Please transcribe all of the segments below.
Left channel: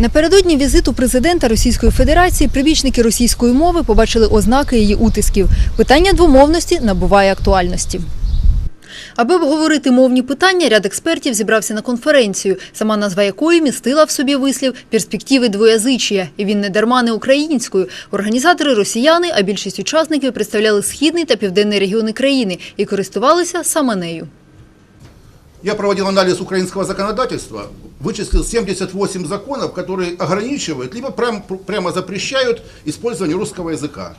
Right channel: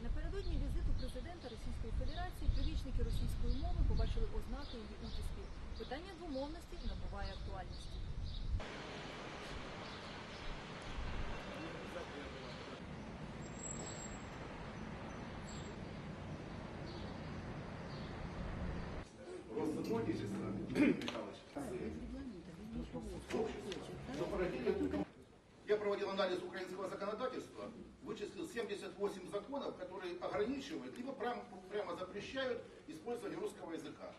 Напередодні візиту президента Російської Федерації прибічники російської мови побачили ознаки її утисків. Питання двомовності набуває актуальності. Аби обговорити мовні питання, ряд експертів зібрався на конференцію, сама назва якої містила в собі вислів перспективи двоязичія. І він не дарма не українською. Організатори росіяни, а більшість учасників представляли східний та південний регіони країни і користувалися саме нею. Я проводил анализ украинского законодательства, вычислил 78 законов, которые ограничивают, либо прям- прямо запрещают использование русского языка.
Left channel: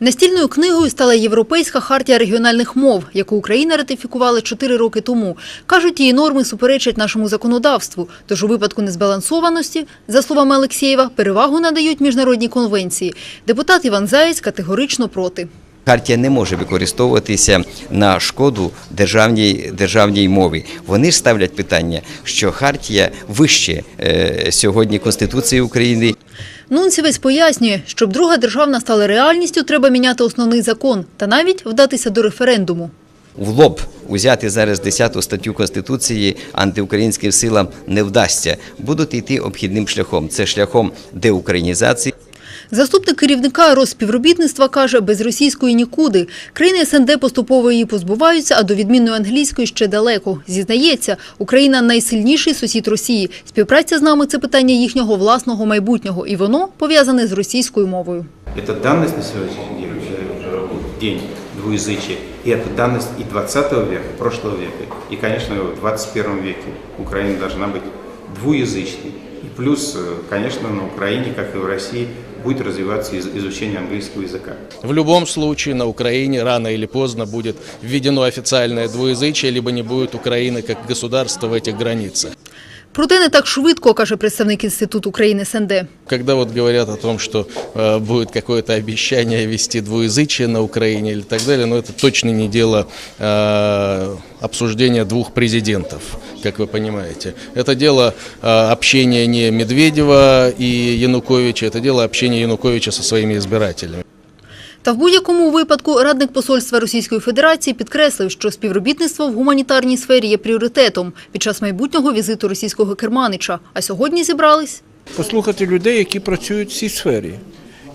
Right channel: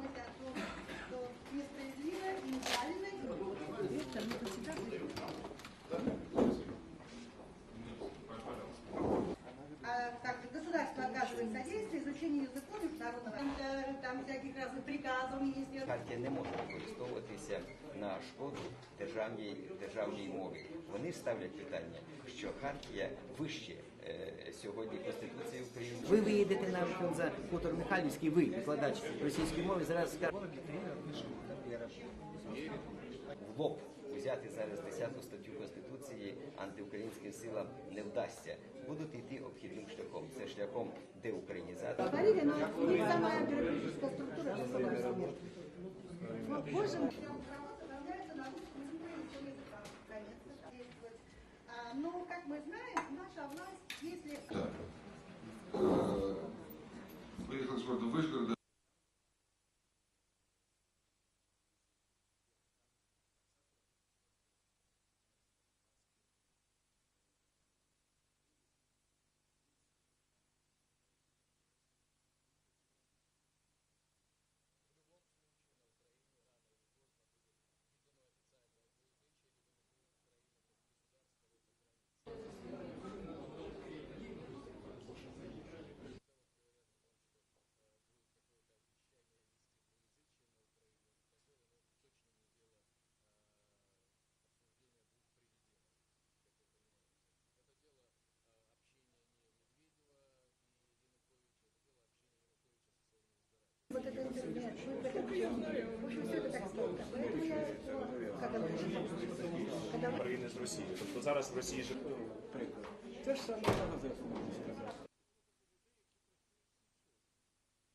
Настільною книгою стала Європейська хартія регіональних мов, яку Україна ратифікувала чотири роки тому. Кажуть, її норми суперечать нашому законодавству. Тож у випадку незбалансованості, за словами Алексєєва, перевагу надають міжнародні конвенції. Депутат Іван Заєць категорично проти. Хартія не може використовуватися на шкоду державній, державній мові. Вони ж ставлять питання, що хартія вище е, сьогодні Конституції України. Нунцівець пояснює, щоб друга державна стала реальністю, треба міняти основний закон та навіть вдатися до референдуму. В лоб узяти зараз 10 статтю Конституції антиукраїнським силам не вдасться. Будуть йти обхідним шляхом. Це шляхом деукраїнізації. Заступник керівника Розспівробітництва каже, без російської нікуди. Країни СНД поступово її позбуваються, а до відмінної англійської ще далеко. Зізнається, Україна найсильніший сусід Росії. Співпраця з нами – це питання їхнього власного майбутнього, і воно пов'язане з російською мовою. Это данность на сегодняшний день, э, день двуязычия, и это данность и 20 века, прошлого века. И, конечно, в 21 веке Украина должна быть двуязычной. И плюс, э, конечно, на Украине, как и в России, будет развиваться из- изучение английского языка. В любом случае на Украине рано или поздно будет введено официальное двуязычие, либо не будет Украины как государства в этих границах. Проте не так швидко, каже представник Інституту України СНД. Когда вот говорят о том, что э, будет какое-то обещание ввести двуязычие на Украине или так далее, но это точно не дело э, обсуждения двух президентов, как вы понимаете. Это дело э, общения не Медведева и Януковича, это дело общения Януковича со своими избирателями. Та в будь-якому випадку радник посольства Російської Федерації підкреслив, що співробітництво в гуманітарній сфері є пріоритетом під час майбутнього візиту російського керманича. А сьогодні зібрались послухати людей, які працюють в цій сфері,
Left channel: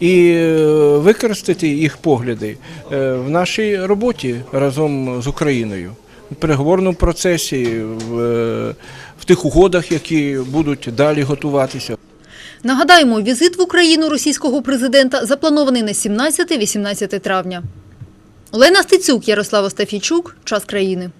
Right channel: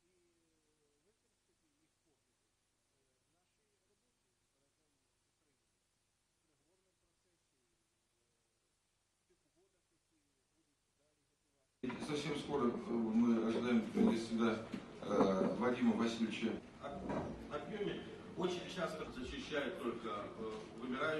і е, використати їх погляди е, в нашій роботі разом з Україною в переговорному процесі, в, е, в тих угодах, які будуть далі готуватися. Нагадаємо, візит в Україну російського президента запланований на 17-18 травня. Олена Стецюк, Ярослав Остафійчук. Час країни.